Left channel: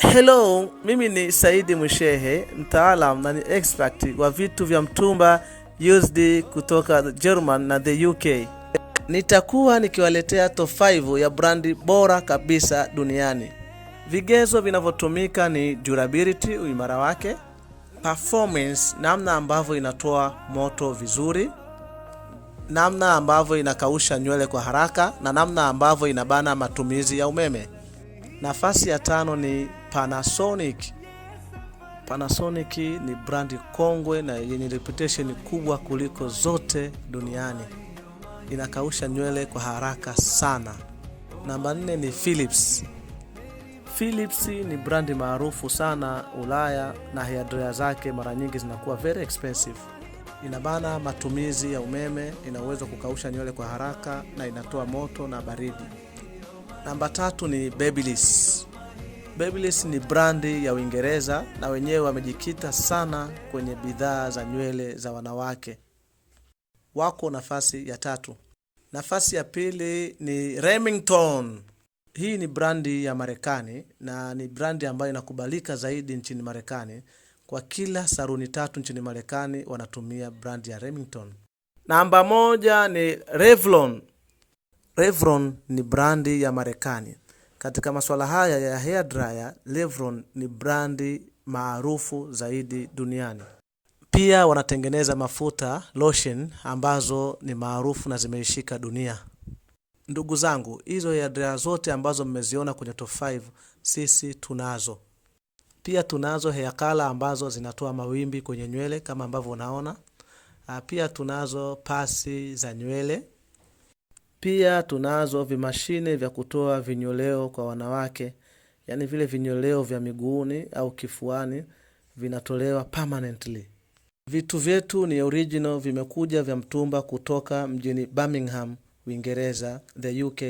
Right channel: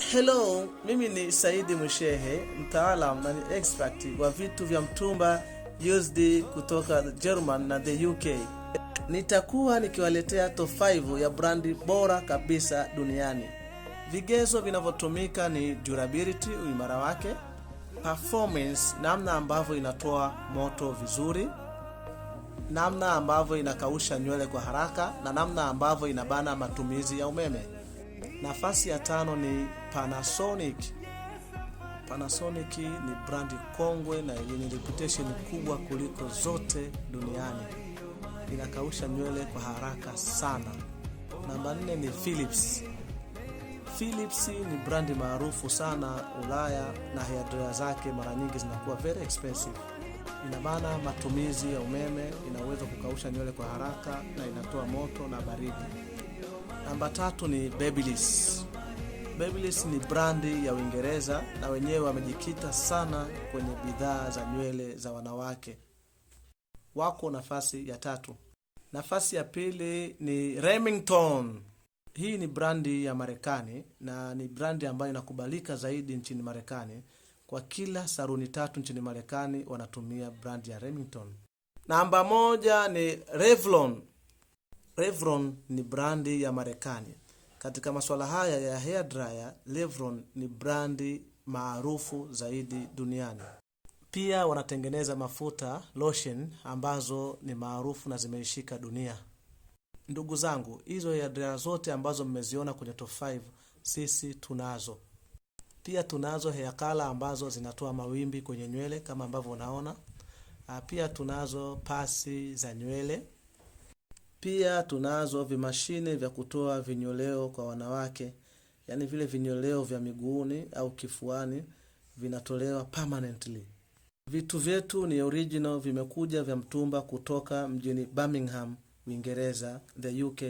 Hello, mimi ni Zaidi Mshehe, mtaalam na ni expert wa vitu vya mtumba used kutoka German na the UK. Nitakuwa nikiwaletea top 5 ya brandi bora kabisa duniani. Vigezo vinavyotumika ni durability, uimara wake, performance, namna ambavyo inatoa moto vizuri, namna ambavyo inakausha nywele kwa haraka, na namna ambavyo inabana matumizi ya umeme. Nafasi ya 5 ni Panasonic. Panasonic ni brandi kongwe na yenye reputation kubwa kuliko zote duniani. Inakausha nywele kwa haraka sana. Namba 4 ni Philips. Philips ni brandi maarufu sana Ulaya na hairdryer zake mara nyingi zinakuwa very expensive. Inabana matumizi ya umeme, inaweza kukausha nywele kwa haraka na inatoa moto na baridi. Namba 3 ni Babyliss. Babyliss ni brandi ya Uingereza na wenyewe wamejikita sana kwenye bidhaa za nywele za wanawake. Wako nafasi ya 3. Nafasi ya 2 ni Remington. Hii ni brandi ya Marekani na ni brandi ambayo inakubalika zaidi nchini Marekani. Kwa kila saluni 3 nchini Marekani wanatumia brandi ya Remington. Namba 1 ni Revlon. Revlon ni brandi ya Marekani. Katika masuala haya ya hair dryer, Revlon ni brandi maarufu zaidi duniani. Pia wanatengeneza mafuta lotion ambazo ni maarufu na zimeishika dunia. Ndugu zangu, hizo hair dryer zote ambazo mmeziona kwenye top 5 sisi tunazo. Pia tunazo hair color ambazo zinatoa mawimbi kwenye nywele kama ambavyo unaona. Pia tunazo pasi za nywele. Pia tunazo vimashine vya kutoa vinyoleo kwa wanawake, yani vile vinyoleo vya miguuni au kifuani vinatolewa permanently. Vitu vyetu ni original, vimekuja vya mtumba kutoka mjini Birmingham, Uingereza, the UK.